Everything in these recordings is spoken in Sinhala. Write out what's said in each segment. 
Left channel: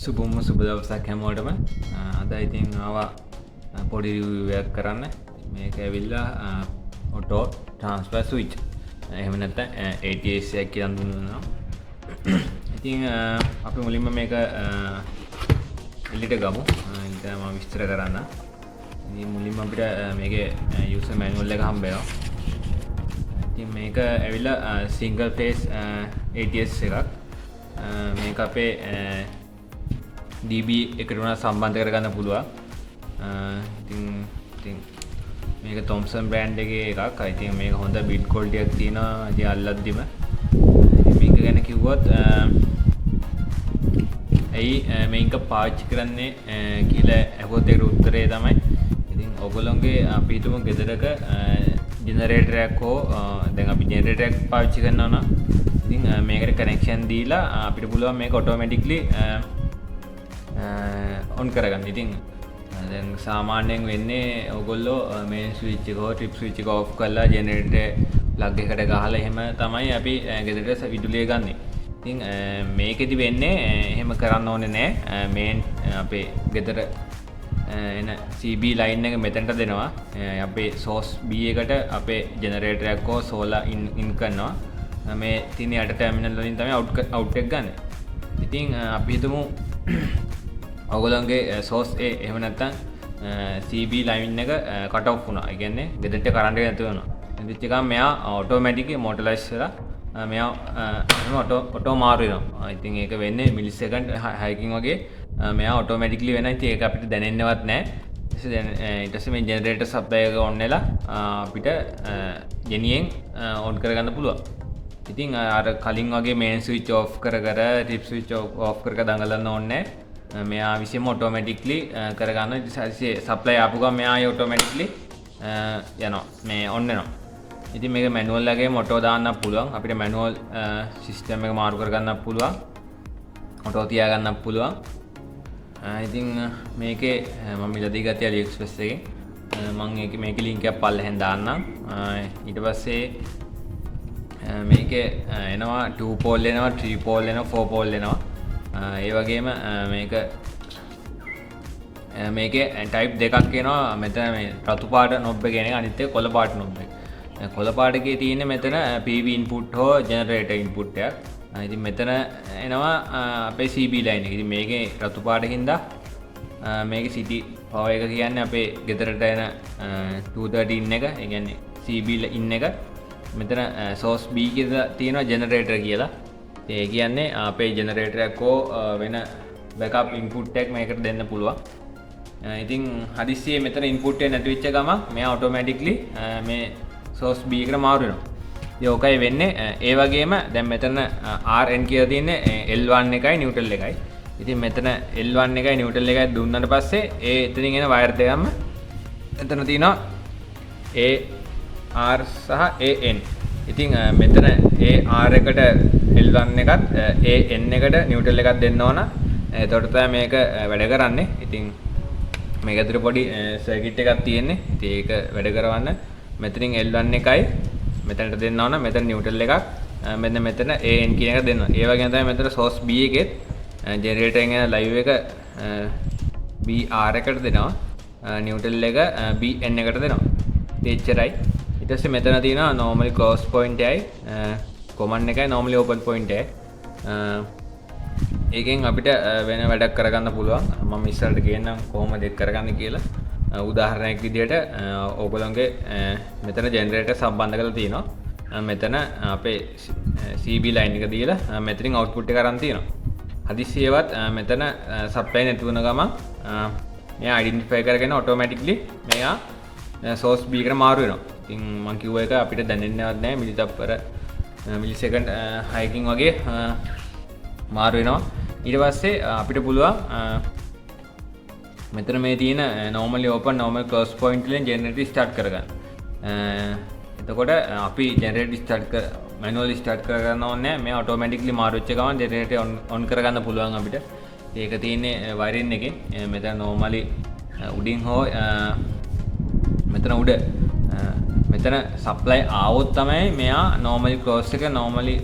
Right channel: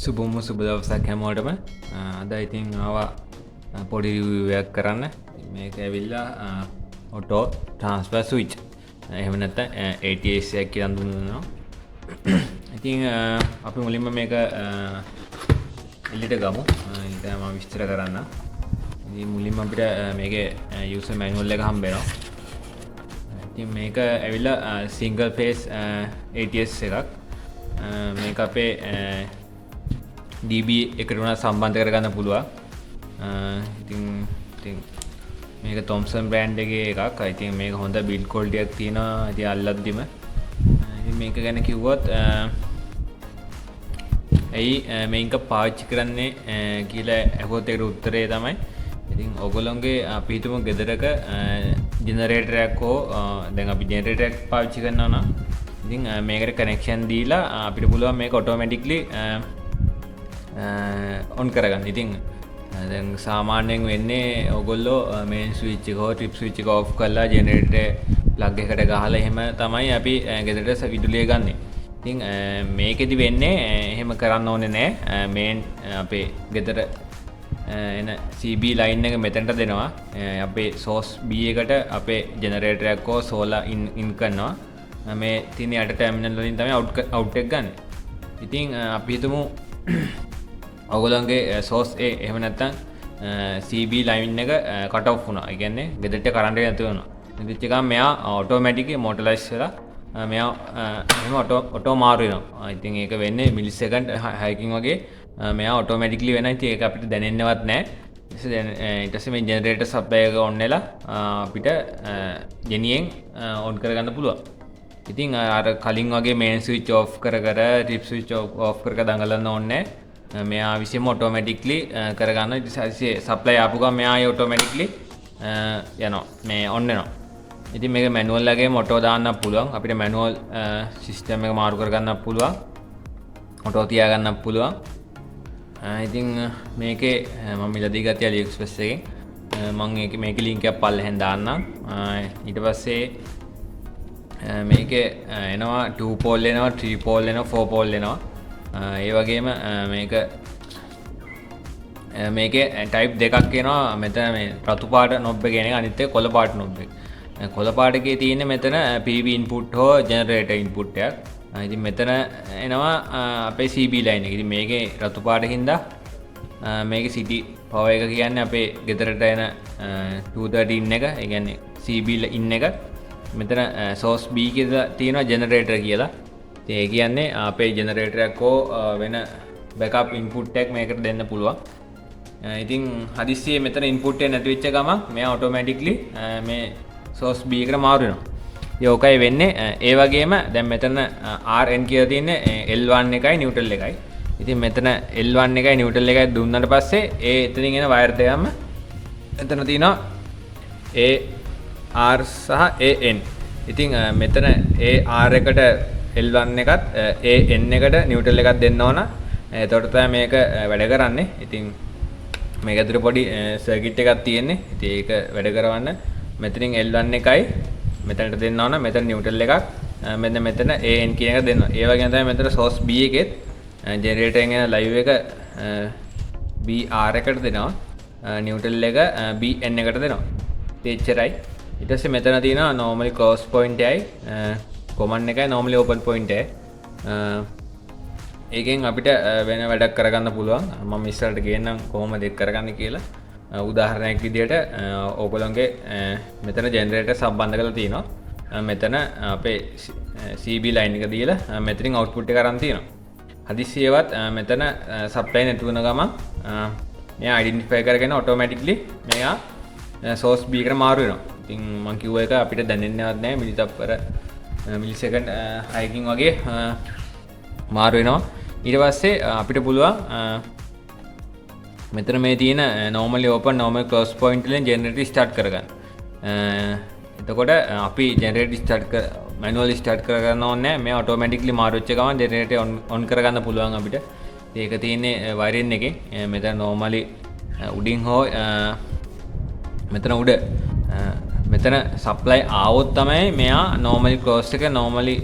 සුබම සුබ දවසක් හැමෝටම. අද ඉතින් ආවා පොඩි රිවිව් එකක් කරන්න. මේක ඇවිල්ලා ඔටෝ ට්‍රාන්ස්ෆර් ස්විච්. එහෙම නැත්නම් ATS එකක් කියලා හඳුන්වනවා. ඉතින් අපි මුලින්ම මේක එළියට ගමු. ඉතින් මම විස්තර කරන්න. ඉතින් මුලින්ම අපිට මේකේ යූසර් මැනුවල් එක හම්බ වෙනවා. ඉතින් මේක ඇවිල්ලා සිංගල් ෆේස් ATS එකක්. මේක අපේ DB එකට උනා සම්බන්ධ කරගන්න පුළුවන්. ඉතින් මේක Thomson brand එකේ එකක්. ඉතින් මේක හොඳ build quality එකක් තියෙනවා. ඉතින් අල්ලද්දිම මේක ගැන කිව්වොත් ඇයි මේක පාවිච්චි කරන්නේ කියලා අහුවොත් ඒකට උත්තරේ තමයි ඉතින් ඔයගොල්ලෝගේ අපි හිතමු ගෙදරක ජෙනරේටර් එකක් හෝ දැන් අපි ජෙනරේටර් එකක් පාවිච්චි කරනවා නම් ඉතින් මේකට කනෙක්ෂන් දීලා අපිට පුළුවන් මේක ඔටෝමැටික්ලි ඔන් කරගන්න. ඉතින් දැන් සාමාන්‍යයෙන් වෙන්නේ ඔයගොල්ලෝ මේන් ස්විච් එක හෝ ට්‍රිප් ස්විච් එක ඔෆ් කරලා ජෙනරේටර් ප්ලග් එකට ගහලා එහෙම තමයි අපි ගෙදරට විදුලිය ගන්නෙ. ඉතින් මේකෙදි වෙන්නේ එහෙම කරන්න ඕනේ නැහැ. මේන් අපේ ගෙදර එන CB ලයින් එක මෙතනට දෙනවා. අපේ source B එකට අපේ ජෙනරේටර් එකක් හෝ සෝලාර් ඉන් කරනවා. මේ තියෙන යට ටර්මිනල් වලින් තමයි අවුට් එක ගන්න. ඉතින් අපි හිතමු ඔයගොල්ලන්ගේ source A එහෙම නැත්නම් CB ලයින් එක කට් ඔෆ් වුණා. ඒ කියන්නේ ගෙදරට කරන්ට් එක නැති වුණා. එනිච්ච ගමන් මෙයා ඔටෝමැටික්ලි මොටලයිස් වෙලා මෙයා එහෙම ඔටෝ මාරු වෙනවා. ඉතින් ඒක වෙන්නේ මිලිසෙකන්ඩ් 6කින් වගේ මෙයා ඔටෝමැටික්ලි වෙනවා. ඉතින් ඒක අපිට දැනෙන්නවත් නැහැ. ඊට පස්සේ මේ ජෙනරේටර් සප්ලයි එක ඔන් වෙලා අපිට ගෙනියෙන් ඔන් කරගන්න පුළුවන්. ඉතින් අර කලින් වගේ මේන් ස්විච් ඔෆ් කර ට්‍රිප් ස්විච් ඔෆ් කර දඟලන්න ඕනේ නැහැ. මෙයා විසින්ම ඔටෝමැටික්ලි කරගන්න. සප්ලයි ආපු ගමන් මෙයා ඔටෝමැටික්ලි යනවා මේ ඔන් වෙනවා. ඉතින් මේක මැනුවල් එකේ ඔටෝ දාන්නත් පුළුවන්. අපිට මැනුවල් සිස්ටම් එක මාරු කරගන්නත් පුළුවන්. ඔටෝ තියාගන්නත් පුළුවන්. ඉතින් මේකේ මම ඉලදී ගත්තේ AliExpress එකෙන්. මම මේකේ ලින්ක් එකක් පල්ලෙහෙන් දාන්නම්. ඊට පස්සේ මේකේ එනවා 2 pole එනවා 3 pole එනවා 4 pole එනවා. ඒ වගේම මේකේ type දෙකක් එනවා. මෙතන මේ රතු පාට knob එක කියන එක අනිත් එක කොළ පාට knob එක. කොළ පාට එකේ තියෙන්නේ මෙතන PV input හෝ generator input එකක්. ඉතින් මෙතන එනවා අපේ CB line එක. ඉතින් මේකේ රතු පාටින් හින්දා මේකේ city power එක කියන්නේ අපේ ගෙදරට එන 230 in එක. ඒ කියන්නේ CB in එක. මෙතන source B කියලා තියෙනවා generator කියලා. ඒ කියන්නේ අපේ ජෙනරේටර් එකක් හෝ වෙන බෑකප් ඉන්පුට් එකක් මේකට දෙන්න පුළුවන්. ඉතින් හදිස්සියේ මෙතන ඉන්පුට් එක නැති වෙච්ච ගමන් මෙයා ඔටෝමැටික්ලි මේ source B එකට මාරු වෙනවා. ඉතින් ඕකයි වෙන්නේ. ඒ වගේම දැන් මෙතන RN කියලා තියෙන්නේ L1 එකයි නිව්ට්‍රල් එකයි. ඉතින් මෙතන L1 එකයි නිව්ට්‍රල් එකයි දුන්නාට පස්සේ ඒ එතනින් එන වයර් දෙකම එතන තියෙනවා AR සහ AN. ඉතින් මෙතන AR එකට L1 එකත් AN එකට නිව්ට්‍රල් එකක් දෙන්න ඕන. එතකොට තමයි මේක වැඩ කරන්නේ. ඉතින් මේක ඇතුලේ පොඩි සර්කිට් එකක් තියෙන්නේ. ඉතින් ඒක වැඩ කරවන්න මෙතනින් L1 එකයි මෙතනට දෙන්න ඕන. මෙතන නිව්ට්‍රල් එකක් මෙතන AN කියන එක දෙන්න ඕන. ඒ වගේම තමයි මෙතන source B එකෙත් ජෙනරේටර් එකෙන් එන ලයිව් එක BR එකට දෙනවා. නිව්ට්‍රල් එක BN එකට දෙනවා. එච්චරයි. ඊට පස්සේ මෙතන තියෙනවා normally close point එකයි common එකයි normally open point එකයි. ඒකෙන් අපිට වෙන වැඩක් කරගන්න පුළුවන්. මම ඉස්සරහට කියන්නම් කොහොමද ඒක කරගන්නේ කියලා. උදාහරණයක් විදිහට ඕගොල්ලන්ගේ මෙතන ජෙනරේටර් සම්බන්ධ කරලා තියෙනවා. මෙතන අපේ CB line එක දීලා මෙතනින් output එක අරන් තියෙනවා. හදිස්සියවත් මෙතන supply නැති වුණ ගමන් මෙයා identify කරගෙන automatically මෙයා source B එකට මාරු වෙනවා. ඉතින් මම කිව්ව එක අපිට දැනෙන්නේවත් නැහැ. මිලිතප්පර මිලිසෙකන්ඩ් 6කින් වගේ මාරු වෙනවා. ඊට පස්සේ අපිට පුළුවන් මෙතන මේ තියෙන normally open normally close point වලින් generator start කරගන්න. එතකොට අපි generator manually start කරගන්න ඕනේ නැහැ. මේ automatically මාරු වෙච්ච ගමන් generator on කරගන්න පුළුවන් අපිට. ඒක තියෙන්නේ wiring එකේ. මෙතන normally උඩින් හෝ මෙතන උඩ මෙතන සප්ලයි ආවොත් තමයි මෙයා normally close එක normally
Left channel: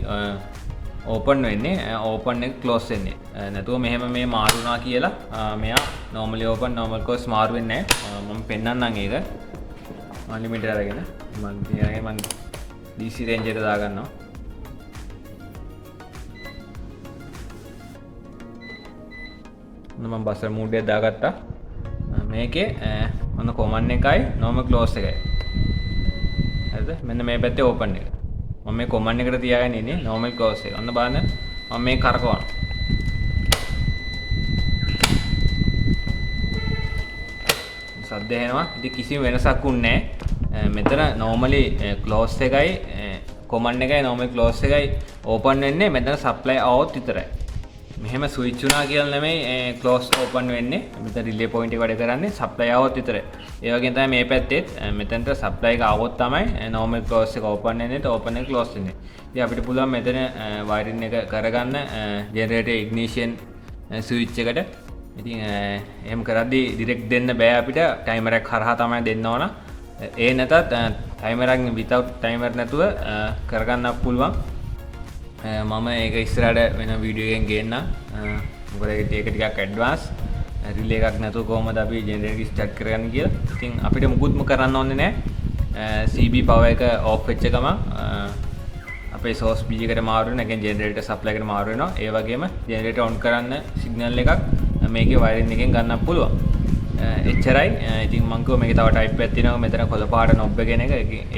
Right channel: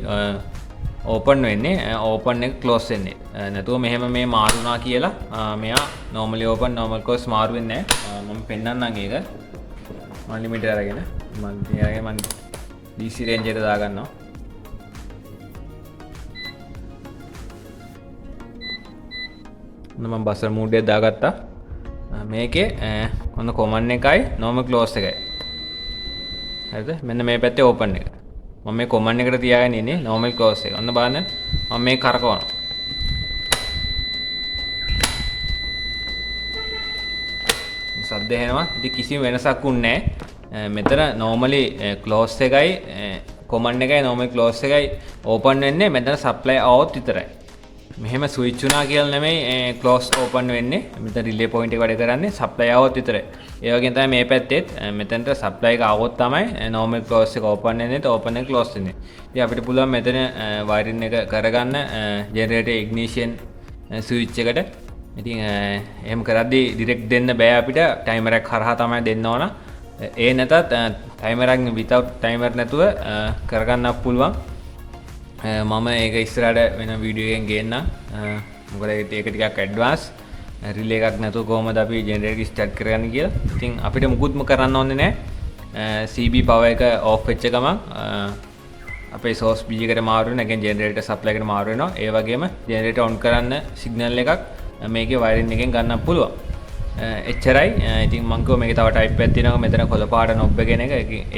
ඕපන් වෙන්නේ ඕපන් එක ක්ලෝස් වෙන්නේ නැතුව මෙහෙම මේ මාරු වුණා කියලා මෙයා normally open normal close මාරු වෙන්නේ නැහැ මම පෙන්නන්නම් ඒක unlimited අරගෙන මම DC range එක දාගන්නවා මම බස්සර් මූඩ් එක දාගත්තා මේකේ ඔන්න command එකයි normal close එකයි හරිද මෙන්න මේ පැත්තේ open එක මම මේ command එකට තියාගෙන ඉන්නේ normal close එක ඔන්න බලන්න මම මේක කරකවනවා සද්ද එනවා ඉතින් කිසිම වෙනසක් උන්නේ නැහැ මෙතන normally close එකයි command එකයි normal close එකයි open වෙන්නේ මෙතන supply out විතරයි මෙහෙම ස්විච් වුණා කියලා නෙමෙයි close open වෙන්නේ මෙතන relay point එක වැඩ කරන්නේ supply out විතරයි ඒ වගේම තමයි මේ පැත්තෙත් මෙතනට supply එක આવොත් තමයි normal close එක open වෙන්නේ open එක close වෙන්නේ ඉතින් අපිට පුළුවන් මෙතන wiring එක කරගන්න generator ignition switch එකට ඉතින් එහෙම කරද්දී direct දෙන්න බෑ අපිට timer එක හරහා තමයි දෙන්න ඕන ඒ නැතත් timer එක without timer නැතුව කරගන්න පුළුවන් මම ඒක ඉස්සරහට වෙන වීඩියෝ එකෙන් ගේන්නම් මොකද ඒක ටිකක් ඇඩ්වාන්ස් රිලේ එකක් නැතුව කොහොමද අපි ජෙනරේටර් එක ස්ටාර්ට් කරගන්නේ කියලා. ඉතින් අපිට මුකුත්ම කරන්න ඕනේ නැහැ. CB power එක off වෙච්ච ගමන් අපේ source B එකට මාරු වෙනවා. නැගෙන් ජෙනරේටර් supply එකට මාරු වෙනවා. ඒ වගේම ජෙනරේටර් on කරන්න signal එකක් මේකේ wiring එකෙන් ගන්න පුළුවන්. එච්චරයි. ඉතින් මම කිව්වා මේකේ තව type එකක් තියෙනවා. මෙතන කොළ පාට knob එක කියන එක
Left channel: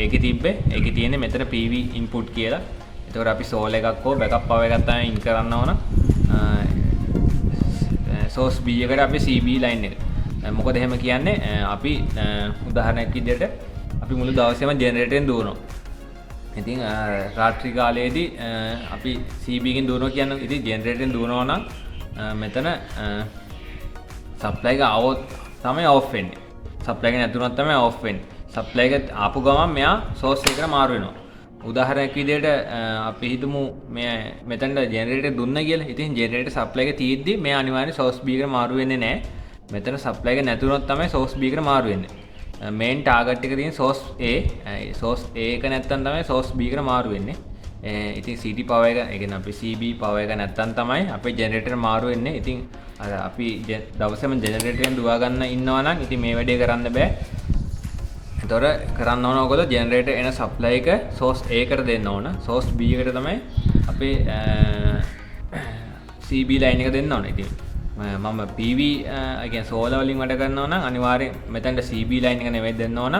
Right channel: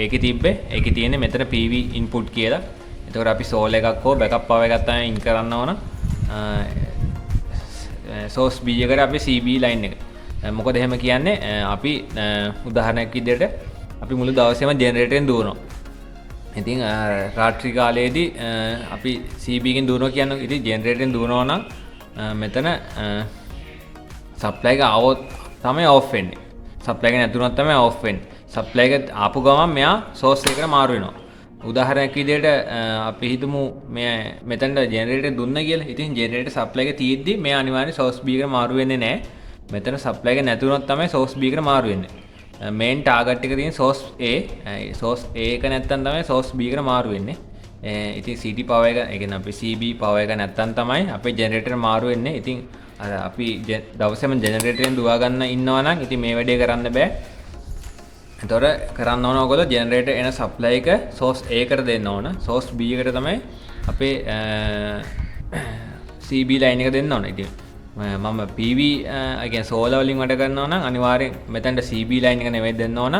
ඒකේ තිබ්බේ. ඒකේ තියෙන්නේ මෙතන PV input කියලා. එතකොට අපි soul එකක් හෝ backup power එකක් තමයි in කරන්න ඕන. source B එකට අපි CB line එක. මොකද එහෙම කියන්නේ අපි උදාහරණයක් විදිහට අපි මුළු දවසේම generator එකෙන් දුවනවා. ඉතින් රාත්‍රී කාලයේදී අපි CB එකෙන් දුවනවා කියන්නේ ඉතින් generator එකෙන් දුවනවා නම් මෙතන supply එක આવොත් තමයි off වෙන්නේ. supply එක නැතුනොත් තමයි off වෙන්නේ. supply එක ආපු ගමන් මෙයා source එකට මාරු වෙනවා. උදාහරණයක් විදිහට අපි හිතමු මේ මෙතනට ජෙනරේටර් දුන්න කියලා. ඉතින් ජෙනරේටර් සප්ලයි එක තියෙද්දි මේ අනිවාර්යෙන් source B එකට මාරු වෙන්නේ නැහැ. මෙතන සප්ලයි එක නැතුනොත් තමයි source B එකට මාරු වෙන්නේ. මේන් ටාගට් එක තියෙන source A. source A එක නැත්තම් තමයි source B එකට මාරු වෙන්නේ. ඉතින් CT power එක, ඒ කියන්නේ අපි CB power එක නැත්තම් තමයි අපේ ජෙනරේටර් මාරු වෙන්නේ. ඉතින් අර අපි දවසේම ජෙනරේටරෙන් දුවා ගන්න ඉන්නවා නම් ඉතින් මේ වැඩේ කරන්න බෑ. එතකොට කරන්න ඕන ඔයගොල්ලෝ ජෙනරේටර් එන සප්ලයි එක source A එකට දෙන්න ඕන. source B එකට තමයි අපේ CB line එක දෙන්න ඕන. ඉතින් මම PV ඒ කියන්නේ solar වලින් වැඩ කරනවා නම් අනිවාර්යෙන් මෙතනට CB line එක නෙවෙයි දෙන්න ඕන.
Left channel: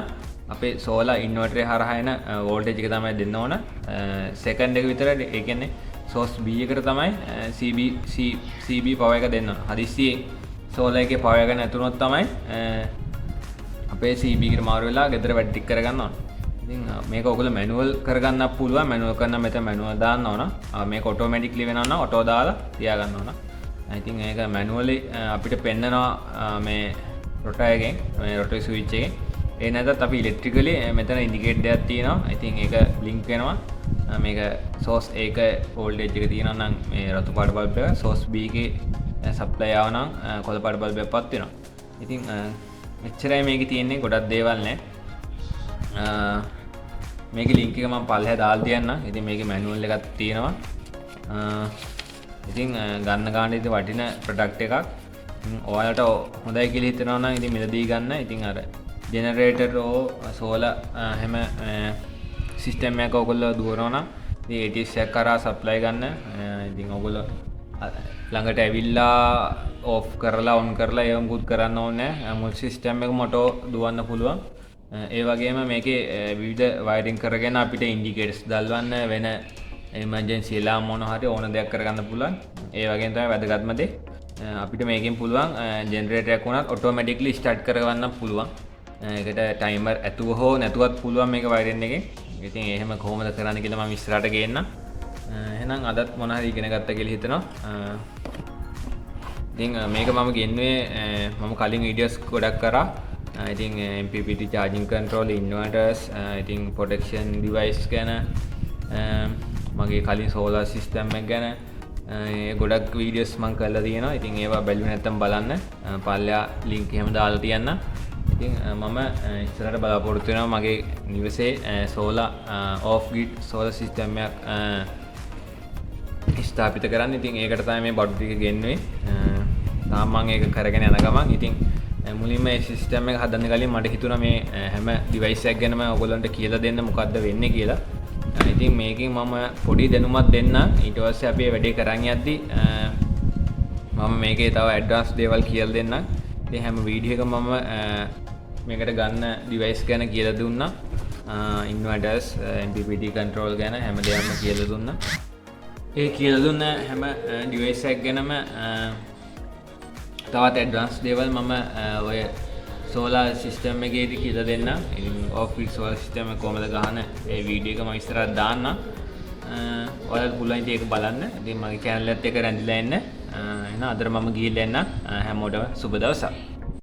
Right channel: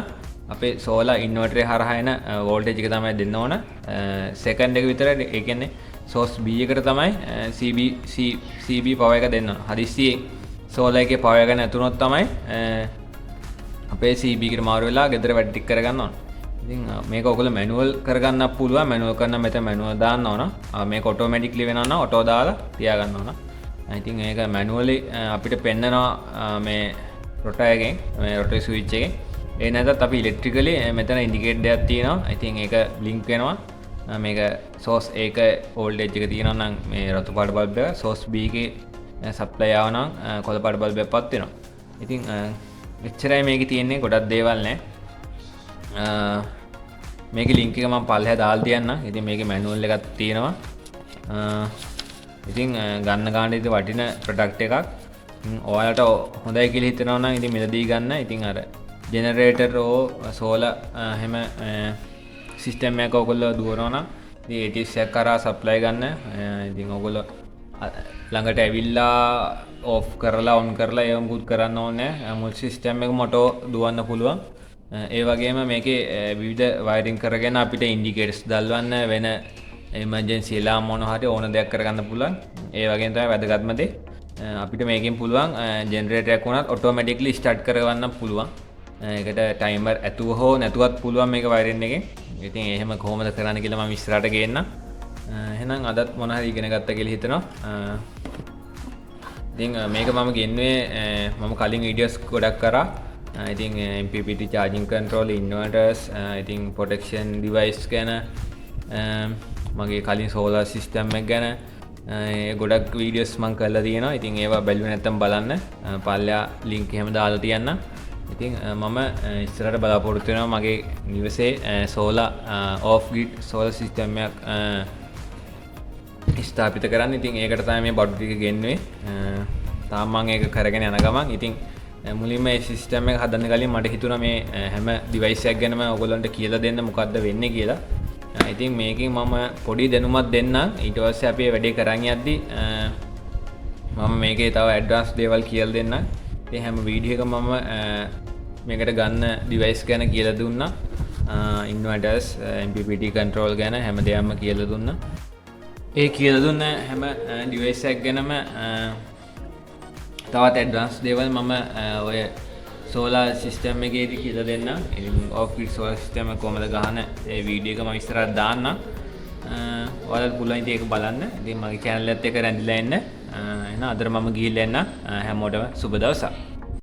අපේ solar inverter එක හරහා එන voltage එක තමයි දෙන්න ඕන. second එක විතර ඒ කියන්නේ source B එකට තමයි CB power එක දෙන්න ඕන. හදිස්සියේ solar එකේ power එක නැතුනොත් තමයි අපේ CB එකට මාරු වෙලා ගෙදර වැඩ ටික කරගන්න ඕන. ඉතින් මේක ඔයගොල්ලෝ මැනුවල් කරගන්න පුළුවන්. මැනුවල් කරන මෙතන මැනුවල් දාන්න ඕන. මේක ඔටෝමැටික්ලි වෙනවා නම් ඔටෝ දාලා තියාගන්න ඕන. ඉතින් ඒක මැනුවලි අපිට පෙන්නනවා මේ රොටර් එකෙන්, මේ රොටර් ස්විච් එකෙන්. ඒ නැත්නම් අපි ඉලෙක්ට්‍රිකලි මෙතන ඉන්ඩිකේටර් එකක් තියෙනවා. ඉතින් ඒක ලින්ක් වෙනවා. මේක source A එක voltage එක තියෙනවා නම් මේ රතු පාට බල්බ් එක, source B එකේ supply ආව නම් කොළ පාට බල්බ් එකක් පත් වෙනවා. ඉතින් එච්චරයි මේකේ තියෙන්නේ, ගොඩක් දේවල් නැහැ. මේකේ link එක මම පල්ලෙහා දාලා තියන්නම්. ඉතින් මේකේ manual එකක් තියෙනවා. ඉතින් ගන්න ගන්න ඉතින් වටින product එකක්. ඔයාලට හොඳයි කියලා හිතනවා නම් ඉතින් මෙලදී ගන්න. ඉතින් අර generator ඕ solar හැම system එකක ඔයගොල්ලෝ දුවනවා නම් ඉතින් ATS එකක් කරා supply ගන්න. ඉතින් ඔයගොල්ලෝ ළඟට ඇවිල්ලා off කරලා on කරලා ඒව මුකුත් කරන්න ඕනේ නැහැ. මුල් system එකම ඔටෝ දුවන්න පුළුවන්. ඒ වගේම මේකේ විවිධ wiring කරගෙන අපිට indicators දල්වන්න වෙන emergency alarm මොන හරි ඕන දෙයක් කරගන්න පුළුවන්. ඒ වගේම තමයි වැදගත්ම දේ අපිට මේකෙන් පුළුවන් generator එකක් වුණත් automatically start කරගන්න පුළුවන්. ඒකට timer ඇතුව හෝ නැතුවත් පුළුවන් මේක wiring එකෙන්. ඉතින් එහෙම කොහොමද කරන්න කියලා මම ඉස්සරහට ගේන්නම්. එහෙනම් අදත් මොන හරි ඉගෙන ගත්තා කියලා හිතනවා. ඉතින් මේක මම ගෙන්වේ මම කලින් වීඩියෝස් ගොඩක් කරා. ඉතින් MPPT charging control, inverters, ඉතින් protection device ගැන මගේ කලින් solar system එක ගැන ගොඩක් වීඩියෝස් මම කරලා තියෙනවා. ඉතින් ඒවා බැලුවේ නැත්නම් බලන්න. පල්ලා link එහෙම දාලා තියන්න. ඉතින් මම ඉස්සරහට බලාපොරොත්තු වෙනවා මගේ නිවසේ solar off grid solar system එකක් ස්ථාපිත කරන්න. ඉතින් ඒකට තමයි මේ බඩු ටික ගෙන්නුවේ. තාම මම ඒක කරගෙන යන ගමන් ඉතින් මුලින්ම මේ සිස්ටම් එක හදන්න කලින් මට හිතුණා මේ හැම ඩිවයිස් එකක් ගැනම ඔයගොල්ලන්ට කියලා දෙන්න මොකද්ද වෙන්නේ කියලා. ඉතින් මේකෙන් මම පොඩි දැනුමක් දෙන්නම්. ඊට පස්සේ අපි වැඩේ කරන් යද්දි මම මේකේ තව ඇඩ්වාන්ස් දේවල් කියලා දෙන්නම්. ඉතින් හැම වීඩියෝ එකම මම මේකට ගන්න ඩිවයිස් ගැන කියලා දුන්නා. ඉන්වර්ටර්ස්, MPPT control ගැන හැම දෙයක්ම කියලා දුන්නා. ඒ කියලා දුන්න හැම ඩිවයිස් එකක් ගැනම තවත් ඇඩ්වාන්ස් දේවල් මම ඔය සෝලාර් සිස්ටම් එකේදී කියලා දෙන්නම්. ඉතින් ඔෆ් ග්‍රිඩ් සෝලාර් සිස්ටම් එක කොහමද ගහන ඒ වීඩියෝ එක මම ඉස්සරහට දාන්නම්. ඔයාලට පුළුවන් ඉතින් ඒක බලන්න. ඉතින් මගේ channel එකත් එක්ක රැඳිලා ඉන්න. එහෙනම් අදට මම ගිහිල්ලා එන්න. හැමෝටම සුබ දවසක්.